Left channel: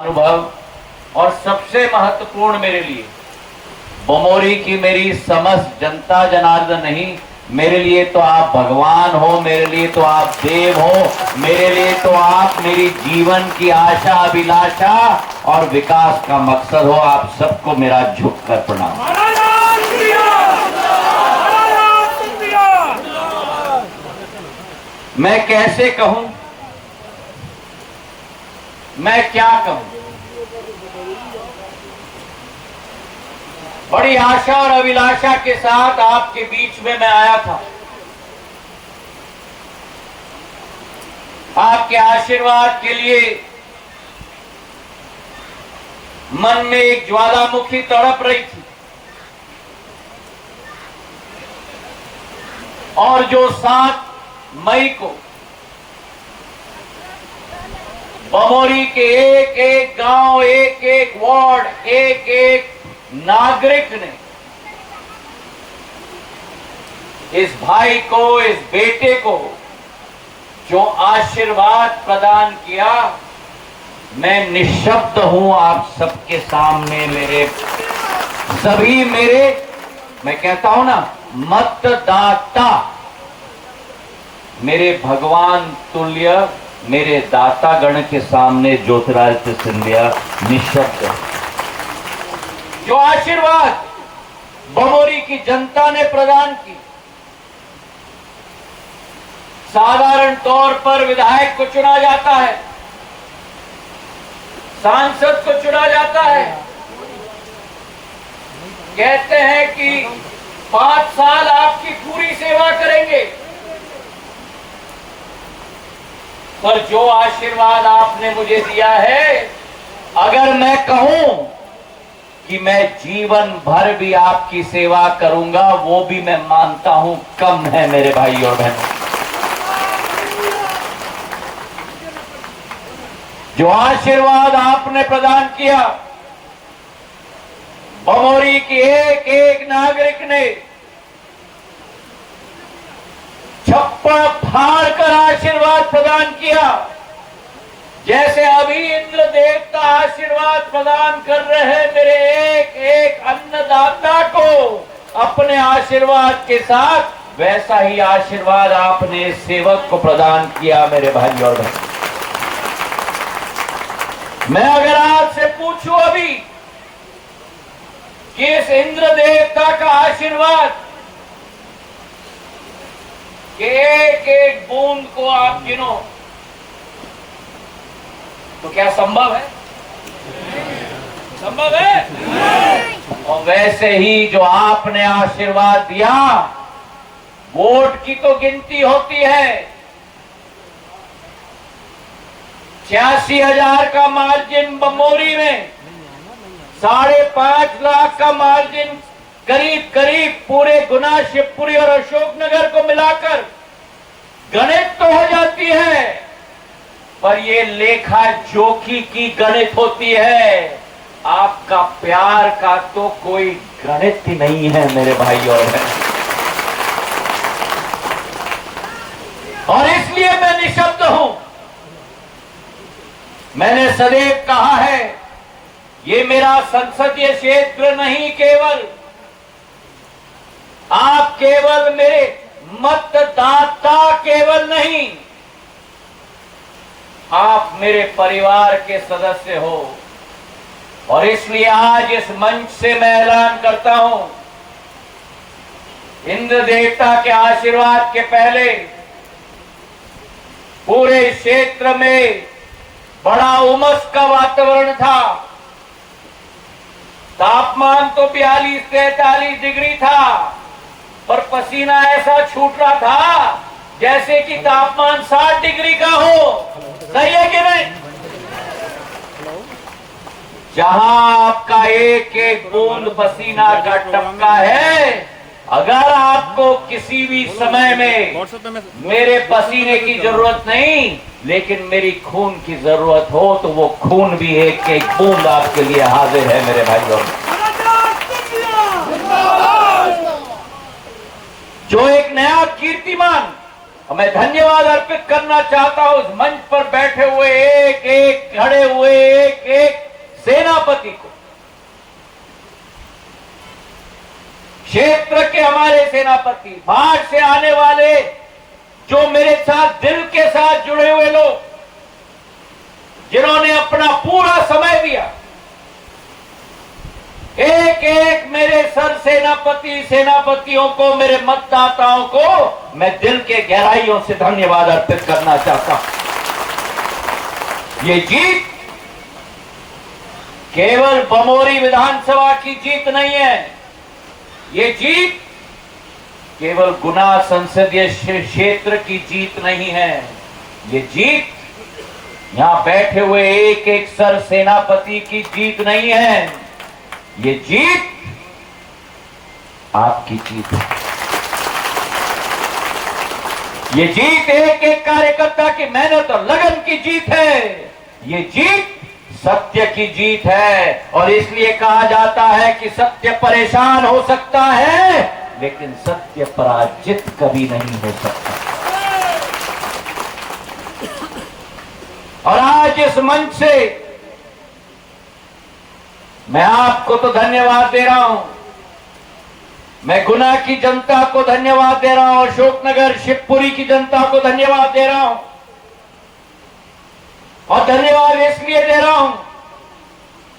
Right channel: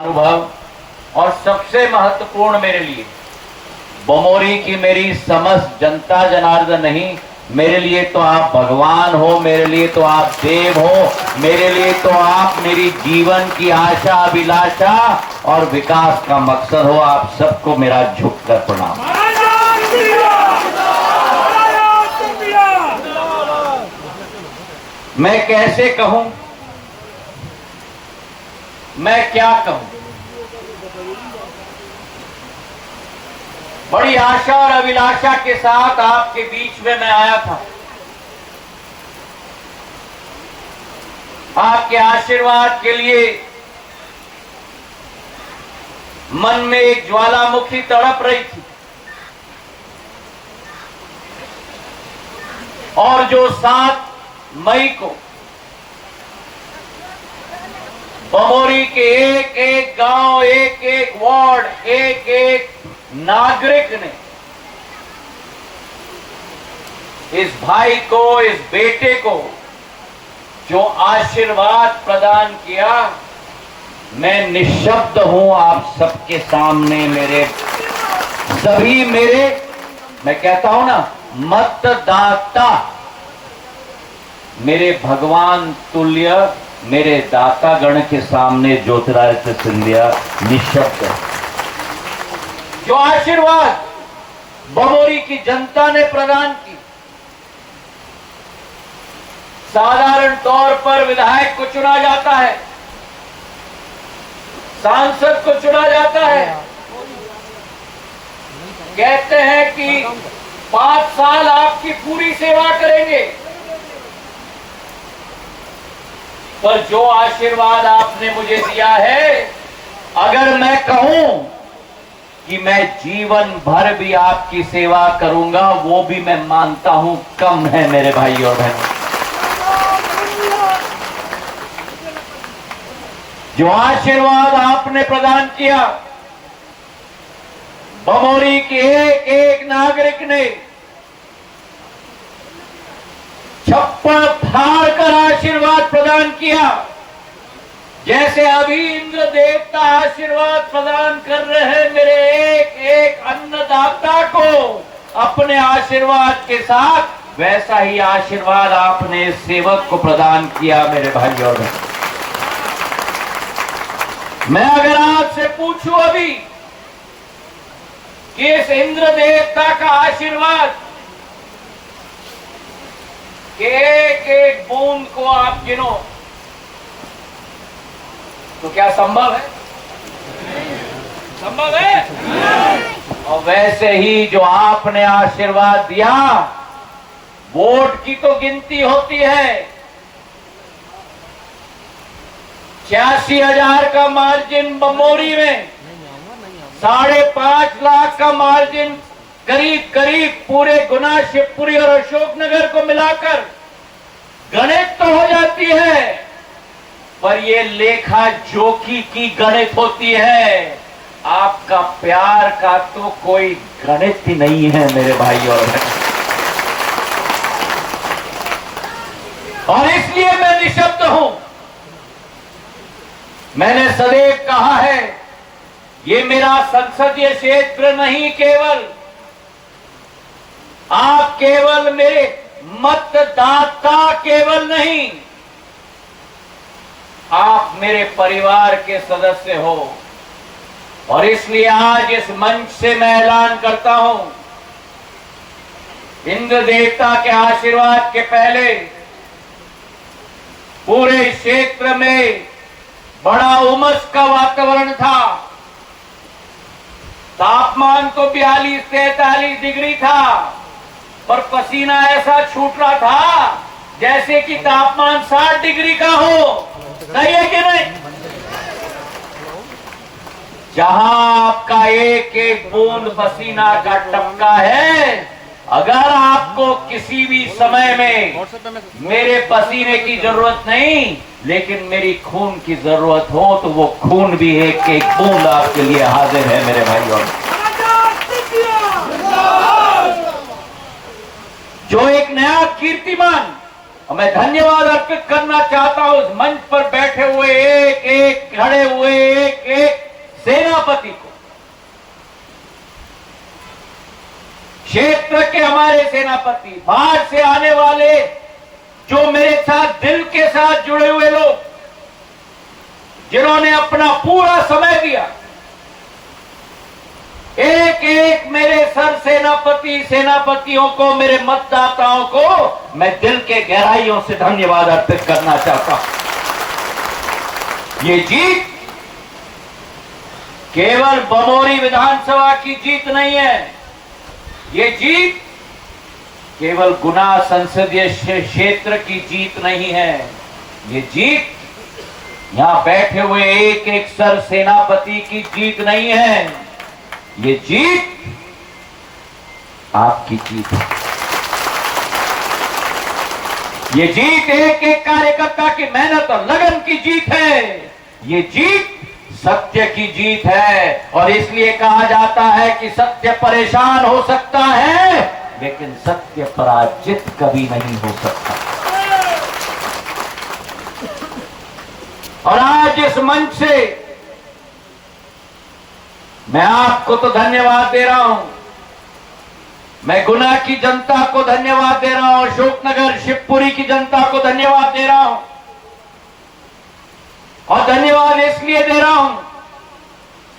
अनुभव और सबसे महत्वपूर्ण मेरे लिए बमोरी की मेरी समस्त जनता जनार्दन नहीं, मेरे लिए तो आप भगवान हो, मेरे लिए तो आप देव हो, मेरे लिए तो आप मेरी जीवन की आशा अभिलाषा और विकास का मकसद हो। आप सबको मेरा झुककर प्रणाम। मैं कैसे कहूं, मैं क्या कहूं। बड़ी आशा और अभिलाषा के साथ आपके बीच में मैं आया था। आपके आशीर्वाद के लिए मन में एक ज्वालामुखी तड़प रही थी और जो 7 मई को बमोरी के एक एक गांव, एक एक वार्ड, एक एक नागरिक ने इस भाई को, इस बेटे को जो आशीर्वाद प्रदान किया, मैं निःशब्द हूं आप सबके सामने। मेरे सभी मैं कहता हूं ना, मतदाता मेरे भगवान तुल्य, मेरे दातागण के सामने ज्योतिरादित्य सिंधिया निःशब्द। जो आशीर्वाद बमोरी की जनता ने प्रदान की, साधारण तौर पर विधायक को चुना जाता है, सांसद को चुना जाता है, कहते हैं कि 5 साल आपकी पूरी सेवा करेंगे, पर जो आशीर्वाद आपने मुझे दिया है, अगर मैं कहूं कि मैं जीवन भर भी आपकी सेवा करूंगा, वो भी मैं मानता हूं कम है मेरे भाई और बहनों। जो आशीर्वाद आपने प्रदान किया, बमोरी के एक एक नागरिक ने छप्पर फाड़ कर आशीर्वाद प्रदान किया। जैसे अभी इंद्र देवता आशीर्वाद प्रदान कर रहे हैं मेरे एक एक अन्नदाता को अपने आशीर्वाद के साथ, वैसा ही आशीर्वाद आपने सेवक को प्रदान किया मेरे भाई और बहन। मैं अगर आपसे पूछूं अभी कि इस इंद्र देवता का आशीर्वाद एक एक बूंद को आप गिनो तो क्या संभव है? संभव है? और वैसे ही जो आपने आशीर्वाद दिया, वोट की तो गिनती होती है। 86,000 का मार्जिन बमोरी में, 5.5 लाख का मार्जिन करीब करीब पूरे गुना, शिवपुरी और अशोकनगर को मिलाकर गणित तो हो जाती है, पर ये लेखा जोखी की गणित होती है। आपका प्यार का तो कोई गणित ही नहीं है मेरे भाई और बहन। और इसलिए मैं निःशब्द हूं। मैंने सदैव कहा है, ये मेरा संसदीय क्षेत्र नहीं केवल, आप केवल मेरे मतदाता केवल नहीं, आप मेरे परिवार के सदस्य हो। और इसलिए आज इस मंच से मैं ऐलान करता हूं, इंद्र देवता के आशीर्वाद के पहले पूरे क्षेत्र में बड़ा उमस का वातावरण था। तापमान तो 42-43 डिग्री था, पर पसीना ऐसा छूट रहा था जैसे कि तापमान 60 डिग्री का हो। सही है कि नहीं? जहां आपका एक एक बूंद पसीना का टपका है, अगर आपको किसी भी समय में मेरे पसीने की जरूरत नहीं, लेकिन मेरी खून की जरूरत हो, तो वो खून भी एक एक बूंद आपके लिए हाजिर है मेरे भाइयों। जो एक नया कीर्तिमान और मैं धन्यवाद अर्पित करना चाहता हूं उस मंच पर बैठे हुए एक एक खड़े हुए एक एक सेनापति को, क्षेत्र के हमारे सेनापति, बाहर से आने वाले जो मेरे साथ दिल के साथ जुड़े हुए लोग, जिन्होंने अपना पूरा समय दिया, एक एक मेरे सर सेनापतियों को, मेरे मतदाताओं को मैं दिल के गहराइयों से धन्यवाद अर्पित करना चाहता हूं। ये जीत केवल बमोरी विधानसभा की जीत नहीं है, ये जीत केवल गुना संसदीय क्षेत्र की जीत नहीं है, ये जीत यहां बैठे हुए एक एक सर सेनापति की जीत नहीं है, ये जीत आपकी जीत है। ये जीत एक एक कार्यकर्ता की मेहनत और लगन की जीत है, ये जीत सत्य की जीत है। और इसलिए कहा जाता है कि सत्य परेशान हो सकता है लेकिन सत्य पराजित कभी नहीं हो सकता। और आज इस मंच से मैं आपको तो धन्यवाद दे रहा हूं, मैं गुना की जनता को धन्यवाद दे रहा हूं, अशोकनगर शिवपुरी की जनता को धन्यवाद दे रहा हूं। और धन्यवाद इसलिए दे रहा हूं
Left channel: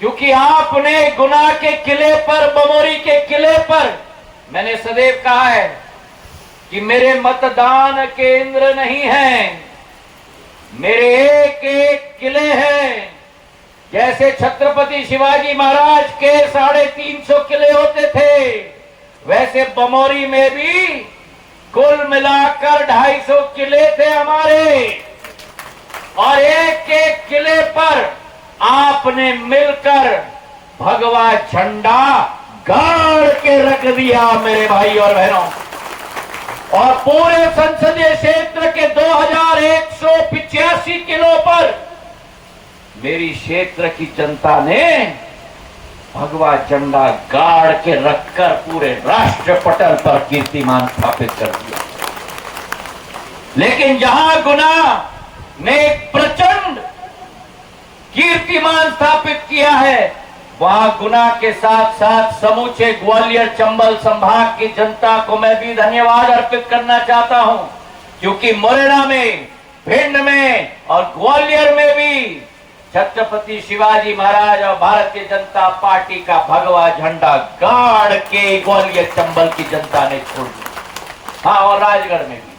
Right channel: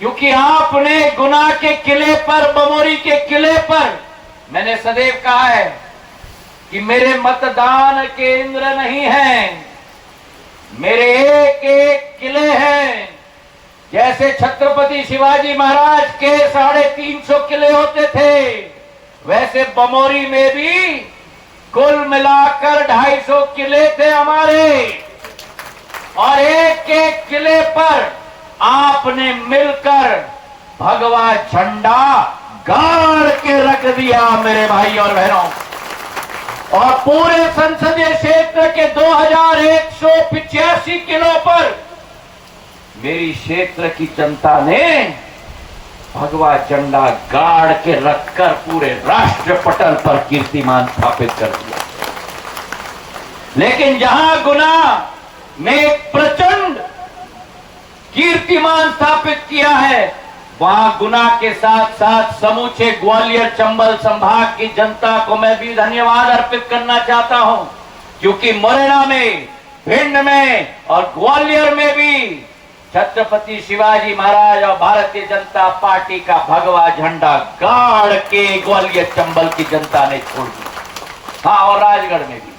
क्योंकि आपने गुना के किले पर, बमोरी के किले पर, मैंने सदैव कहा है कि मेरे मतदान केंद्र नहीं हैं, मेरे एक एक किले हैं। जैसे छत्रपति शिवाजी महाराज के 350 किले होते थे, वैसे बमोरी में भी कुल मिलाकर 250 किले थे हमारे। और एक एक किले पर आपने मिलकर भगवा झंडा गाड़ के रख दिया मेरे भाई और बहनों। और पूरे संसदीय क्षेत्र के 2185 किलो पर मेरी क्षेत्र की जनता ने भगवा झंडा गाड़ के रखकर पूरे राष्ट्र पटल पर कीर्तिमान स्थापित कर दिया। लेकिन जहां गुना ने एक प्रचंड कीर्तिमान स्थापित किया है, वहां गुना के साथ साथ समूचे ग्वालियर चंबल संभाग की जनता को मैं भी धन्यवाद अर्पित करना चाहता हूं, क्योंकि मुरैना में, भिंड में और ग्वालियर में भी छत्रपति शिवाजी महाराज और भारतीय जनता पार्टी का भगवा झंडा गाड़ के ग्वालियर चंबल की जनता ने छोड़ दिया। हाँ, और राजगढ़ में भी।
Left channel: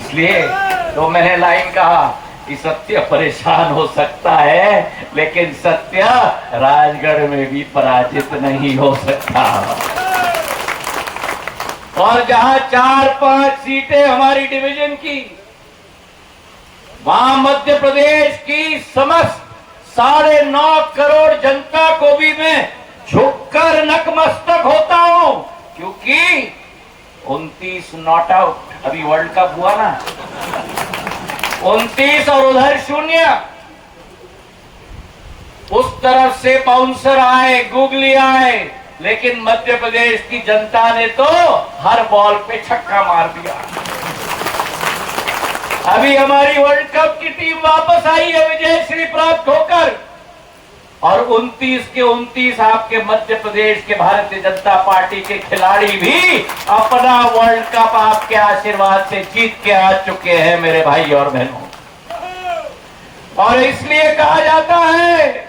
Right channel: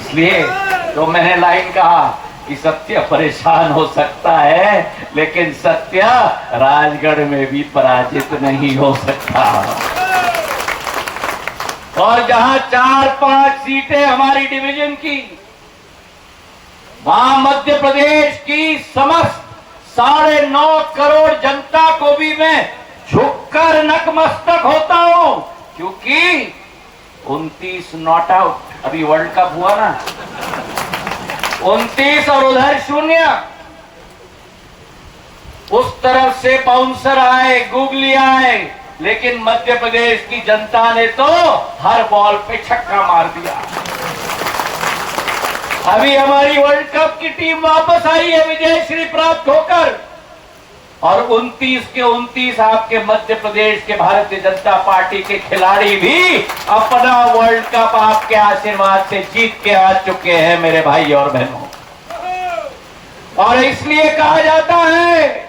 इसलिए तो मैंने लाइन कहा कि सत्य परेशान हो सकता है लेकिन सत्य राजगढ़ में भी पराजित नहीं हो सकता। और जहां 4-5 सीटें हमारी डिवीजन की, वहां मध्य प्रदेश की समस्त 9.5 करोड़ जनता को भी मैं झुककर नतमस्तक होता हूं, क्योंकि 29 नॉट आउट, अभी वर्ल्ड कप हुआ ना, 29 और उधर 0, उस तरफ से बाउंसर आए, गुगली आए, लेकिन मध्य प्रदेश की जनता ने तो हर बॉल पे छक्का मार दिया। अभी हमारी वर्ल्ड कप की टीम वापस आई है विजयश्री प्राप्त होकर, और 29 के 29 आपके मध्य प्रदेश के भारतीय जनता पार्टी के खिलाड़ी भी अपना वर्ल्ड कप आपके आशीर्वाद से जीत के आ चुके हैं मेरे भाई और बहनों। और इसलिए कहा जाता है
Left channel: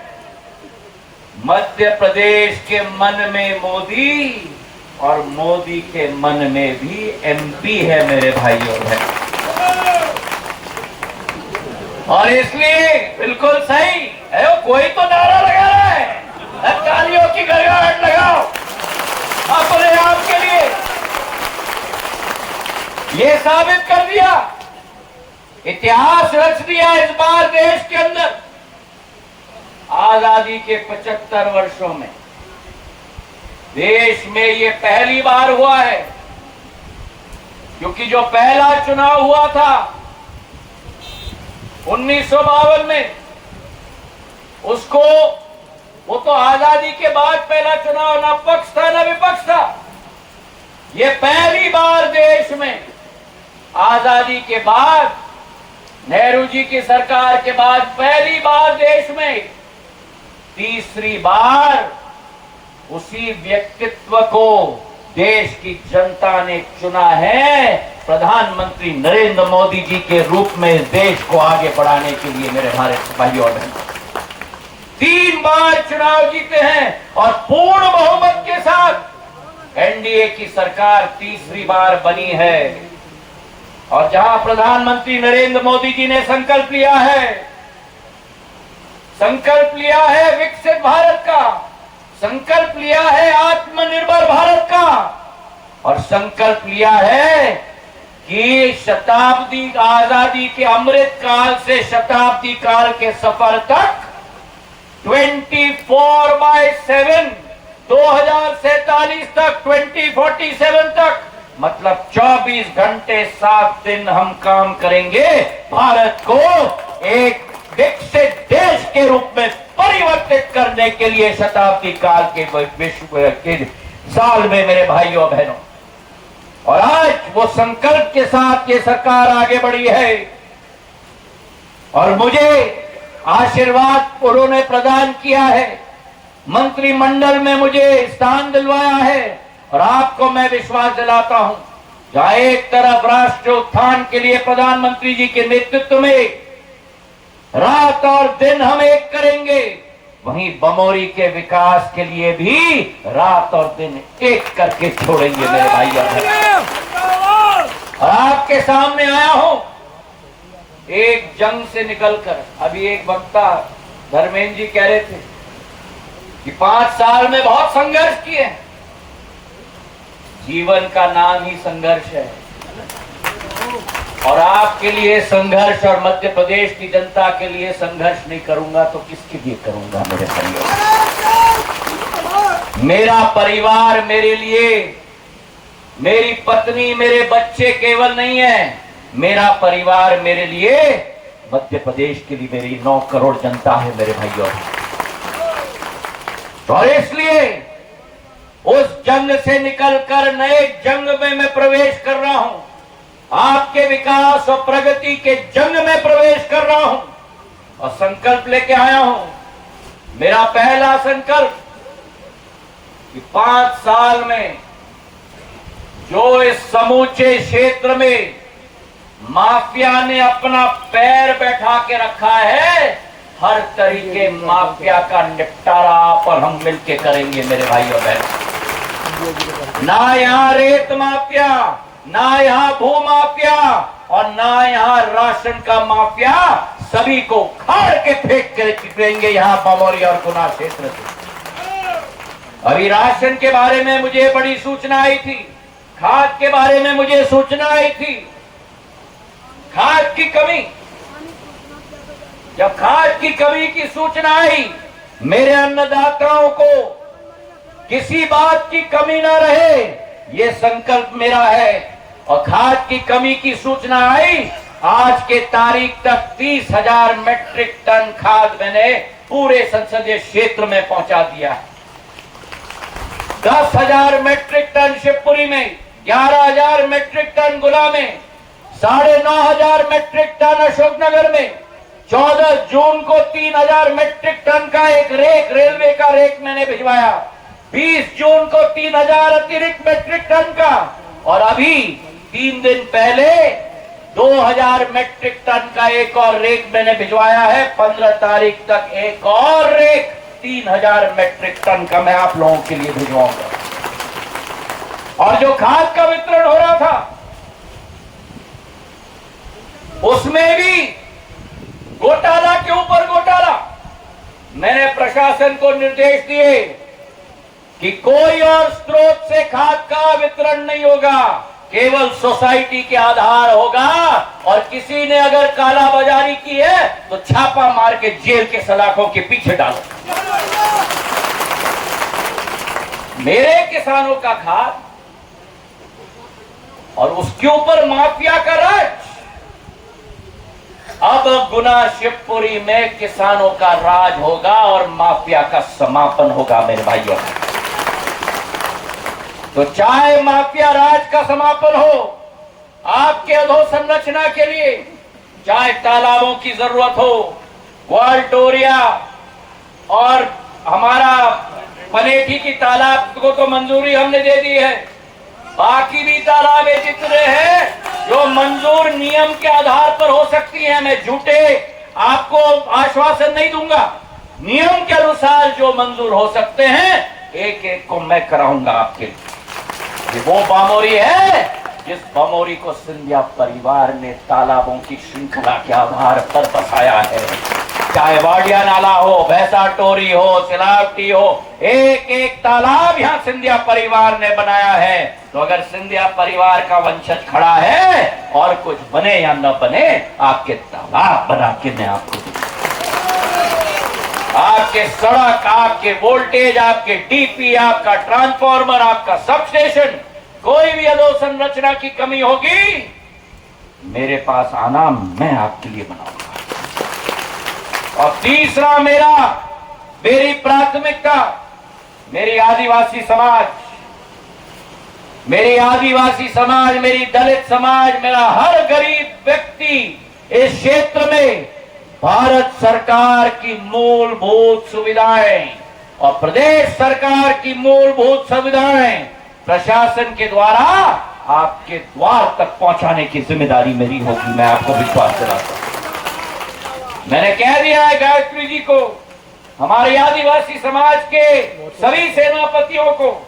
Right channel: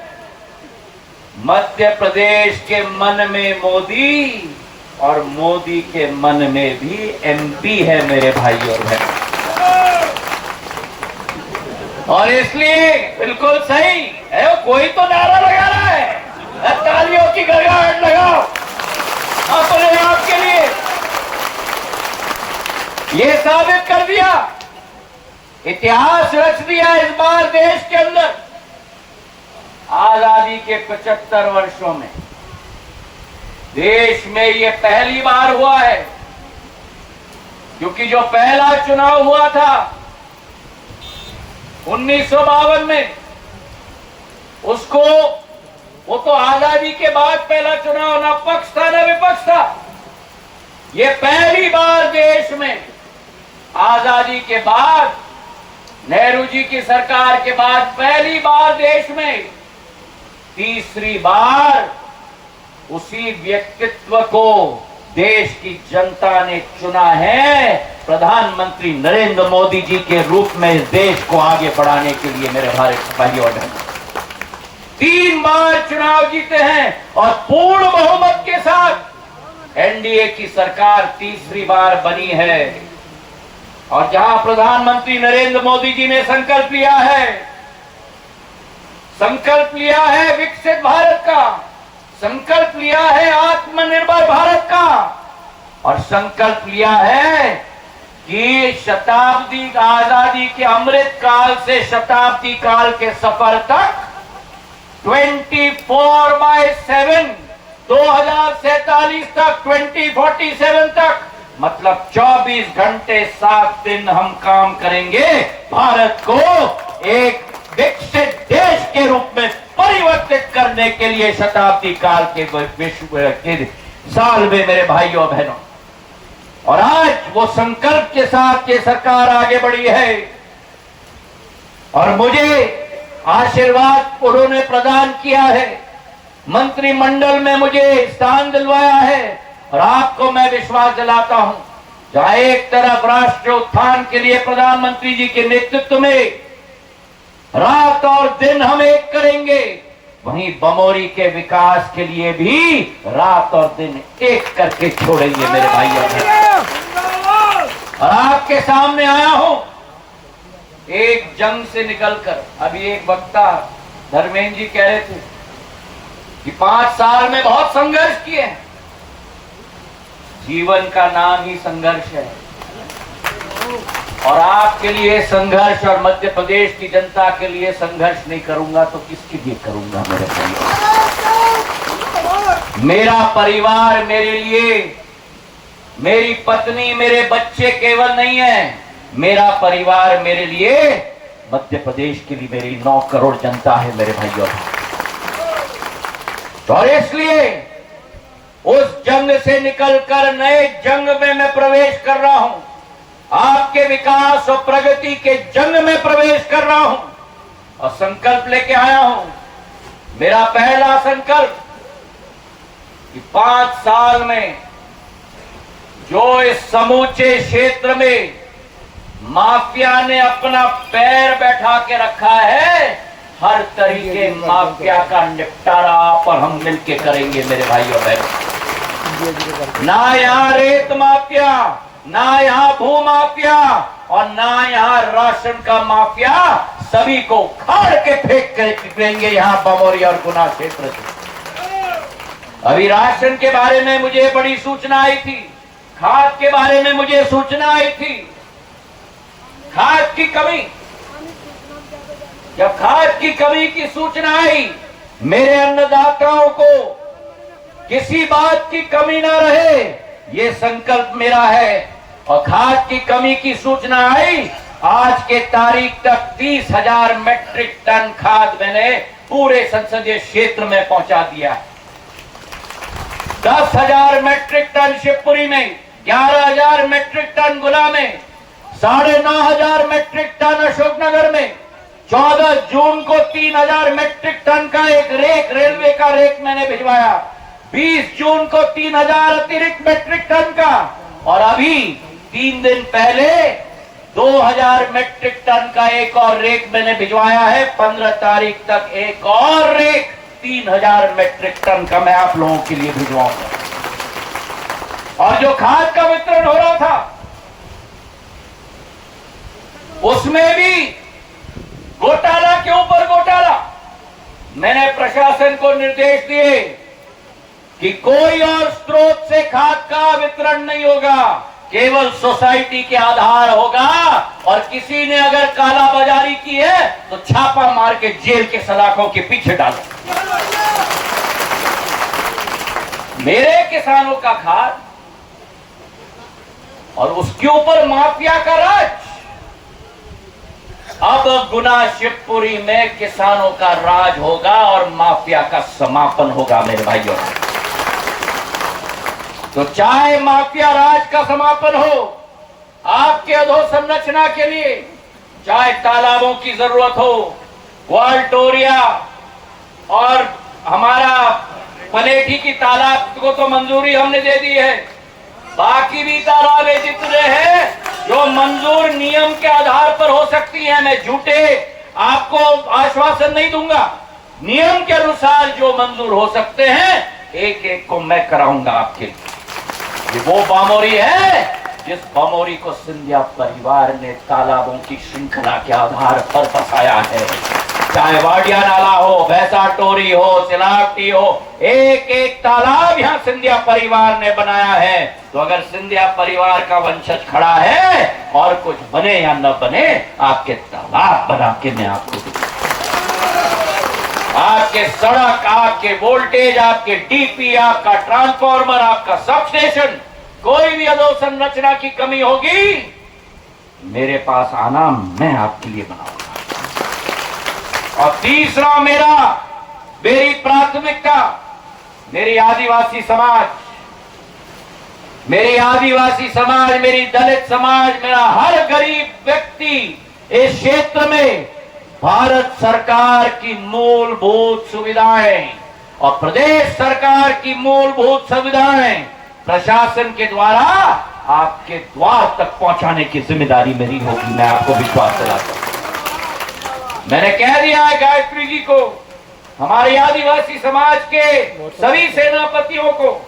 मध्य प्रदेश के मन में मोदी और मोदी के मन में भी एमपी है मेरे भाई और बहनों। और इसलिए बिल्कुल सही है, कोई तो नारा लगा रहा है, तालियों की गड़गड़ाहट लगाओ अपने आप के लिए। ये साबित कर दिया, इतिहास रच दिया इस बार देश के अंदर। आजादी के 75 वर्षों में देश में ये पहली बार हुआ है, क्योंकि जो पहला चुनाव हुआ था 1952 में, उसको, वो तो आजादी के बाद पहला चुनाव, ना पक्ष था ना विपक्ष था, ये पहली बार देश में आजादी के बाद, नेहरू जी की सरकार के बाद पहली बार देश में तीसरी बार उसी व्यक्तित्व को देश की जनता ने चुना है प्रधानमंत्री नरेंद्र मोदी जी के रूप में इस देश को आगे बढ़ाने के लिए। मेरे भारत भाइयों और बहनों, 3 बार चुनाव जीते हैं और पूर्ण बहुमत के साथ एनडीए की सरकार तीसरी बार बनी है। और जहां प्रधानमंत्री नरेंद्र मोदी जी ने संकल्प लिया है विकसित भारत का, संकल्प लिया है आत्मनिर्भर भारत का, और संकल्प लिया है कि शताब्दी आजादी के अमृत काल से शताब्दी काल के सफर तक 24/7 2047 तक 2047 तक, मतलब 24 घंटे 7 दिन हम काम करेंगे भारत को एक विकसित देश के रूप में परिवर्तित करने के लिए शताब्दी काल के विश्व के साल में। मेरे भाइयों बहनों, और आज वो संकल्प के साथ ये सरकार आगे बढ़ी है और मुझे आशीर्वाद उन्होंने प्रदान किया है, मंत्रिमंडल में मुझे स्थान दिलवाया है। और आपको मैं विश्वास दिलाता हूं, जहां एक तरफ राष्ट्र उत्थान के लिए प्रधानमंत्री जी के नेतृत्व में रात और दिन हम एक करेंगे, वहीं बमोरी के विकास के लिए भी रात और दिन एक करके छोड़ेंगे। मेरे भाइयों, आपके सामने आया हूं एक जंग से निकलकर। अभी एक वक्ता धर्मेंद्र जी कह रहे थे कि 5 साल में बहुत संघर्ष किए हैं। जीवन का नाम ही संघर्ष है, और आपके लिए संघर्ष और मध्य प्रदेश की जनता के लिए संघर्ष नहीं करूंगा तो किसके लिए करूंगा। मेरे भाइयों, मेरा परिवार मेरे लिए, मेरी पत्नी, मेरे बच्चे केवल नहीं है, मेरा परिवार मेरे लिए मध्य प्रदेश के लिए मेरी 9 करोड़ जनता है। मेरे भाइयों, और इसलिए उस जंग से निकलकर नए जंग में मैं प्रवेश कर रहा हूं, आपके विकास और प्रगति के जंग में प्रवेश कर रहा हूं और संकल्प लेके आया हूं। मेरा पहला संकल्प कि 5 साल में जो इस समूचे क्षेत्र में माफिया ने अपना पैर बैठा के रखा है, हर तरीके माफिया का निपटारा आप और हम मिलके करेंगे। मेरे भाइयों बहनों, ना यहाँ रेत माफिया, ना यहाँ भू माफिया और ना यहाँ राशन का माफिया, सभी को खाड़ के फेंक कर फेंकेंगे यहाँ बमोरी और गुना क्षेत्र से। अभी राशन के बारे में मुझे बड़ी सूचना आई थी, खाद के बारे में मुझे सूचना आई थी। खाद की कमी, जब खाद की कमी की सूचना आई, मेरे अन्नदाताओं को किसी बात की कमी ना रहे, ये संकल्प मेरा है। और खाद की कमी की सूचना आई, आज के तारीख तक 30,000 मेट्रिक टन खाद मैंने पूरे संसदीय क्षेत्र में पहुंचा दिया। 10,000 मेट्रिक टन शिवपुरी में, 11,000 मेट्रिक टन गुना में, 9,500 मेट्रिक टन अशोकनगर में, 14 जून को 3,000 मेट्रिक टन का एक रेक, रेलवे का रेक मैंने भिजवाया। 20 जून को 3,000 अतिरिक्त मेट्रिक टन का, और अभी 3 दिन पहले 2,000 मेट्रिक टन का एक और रेक मैंने भिजवाया है। 15 तारीख तक एक और रेक 3,000 मेट्रिक टन का मैं आप लोगों के लिए भिजवाऊंगा। और जो खाद का वितरण हो रहा था, उसमें भी घोटाला के ऊपर घोटाला। मैंने प्रशासन को निर्देश दिए कि कोई और स्रोत से खाद का वितरण नहीं होगा, केवल सोसाइटी के आधार होगा, और किसी ने अगर कालाबाजारी की है तो छापा मार के जेल के सलाखों के पीछे डालो। मेरे किसानों का खाद और उसके ऊपर माफिया का राज। अब गुना शिवपुरी में किसानों का राज होगा और माफिया का समापन होगा। मेरे भाइयों, तो चाहे माफिया राज का समापन हो आपके अधोसंरचना के लिए, चाहे तालाबों की जरूरत हो, वाल्टोरिया और हमारा पनेठी की तालाब को तो मंजूरी हमने दे दी है, बाकी भी तालाब जितने हैं जो मंजूर नियम के आधार पर हो सकती हैं, मैं झूठे आपको आश्वासन नहीं दूंगा, नियम के अनुसार जो मंजूर हो सकते हैं एक एक को मैं कराऊंगा आपके लिए। ये वो बामोरी है जिस बामोरी को सिंधिया परिवार ने तालाबों की श्रृंखला के आधार पर बसाया है। चाहे वाडिया नाला हो, भैंसा टोरी हो, सिलावटी हो, एक एक तालाब यहाँ सिंधिया परिवार ने बनाया है। तो अगर सिंधिया परिवार का वंशज खड़ा है और कुछ बने या न बने, आपके तालाब बना के मैं आपको आपके सड़क, आपके वोल्टेज, आपके डीपी, आपका ट्रांसफार्मर, आपका सब स्टेशन, कोई भी अधोसंरचना की कमी होगी मेरे पास आना, मैं आपके लिए बनाऊंगा। और तीसरा मेरी प्राथमिकता मेरी आदिवासी समाज, मेरी दलित समाज, मेरा हर गरीब व्यक्ति इस क्षेत्र में भारत सरकार की मूलभूत सुविधाएं और प्रदेश सरकार की मूलभूत सुविधाएं प्रशासन के द्वारा आपके द्वार तक पहुंचाने की जिम्मेदारी मेरी होगी। मैं आपको विश्वास दिलाता हूं। मैंने कह दिया है गायत्री जी को, हमारे आदिवासी समाज के सभी सेनापतियों को,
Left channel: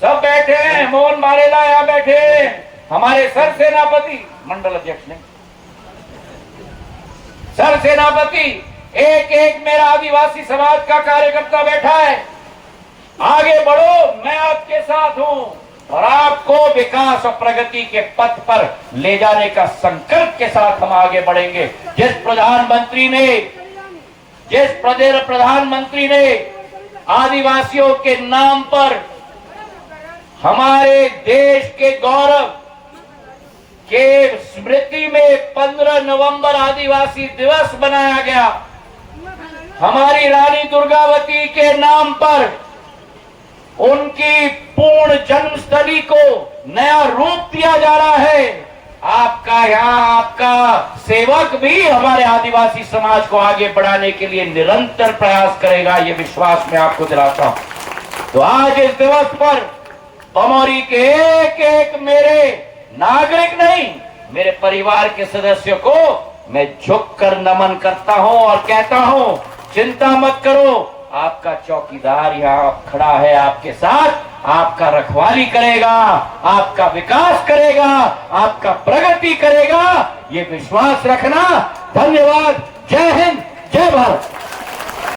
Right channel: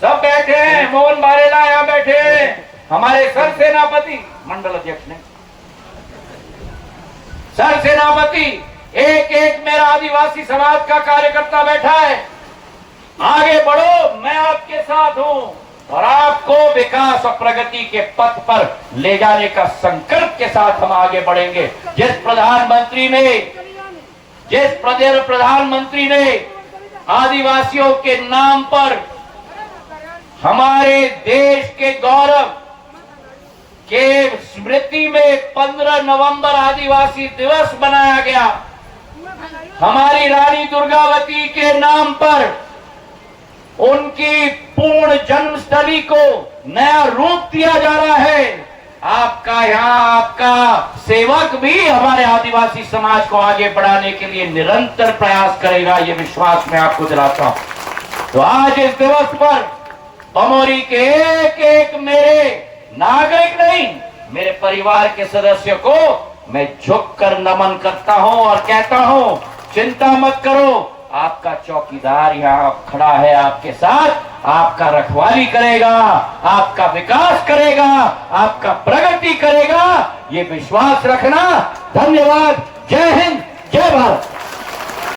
सब बैठे हैं, मोहन बारेला यहां बैठे हैं, हमारे सर सेनापति मंडल अध्यक्ष ने, सर सेनापति, एक एक मेरा आदिवासी समाज का कार्यकर्ता बैठा है। आगे बढ़ो, मैं आपके साथ हूं और आपको विकास और प्रगति के पथ पर ले जाने का संकल्प के साथ हम आगे बढ़ेंगे। जिस प्रधानमंत्री ने आदिवासियों के नाम पर हमारे देश के गौरव के स्मृति में 15 नवंबर आदिवासी दिवस बनाया गया, हमारी रानी दुर्गावती के नाम पर उनकी पूर्ण जन्मस्थली को नया रूप दिया जा रहा है। आपका सेवक भी हमारे आदिवासी समाज को आगे बढ़ाने के लिए निरंतर प्रयास करेगा, ये विश्वास मैं आपको दिलाता हूं। तो आज इस दिवस पर बामोरी के एक एक मेरे नागरिक नहीं, मेरे परिवार के सदस्य को मैं झुककर नमन करता हूं और कहता हूं, चिंता मत करो, आपका चौकीदार यहाँ खड़ा है आपके साथ, आपका रखवाली करेगा, आपका विकास करेगा, आपका प्रगति करेगा, ये विश्वास रखना। धन्यवाद। जय हिंद, जय भारत।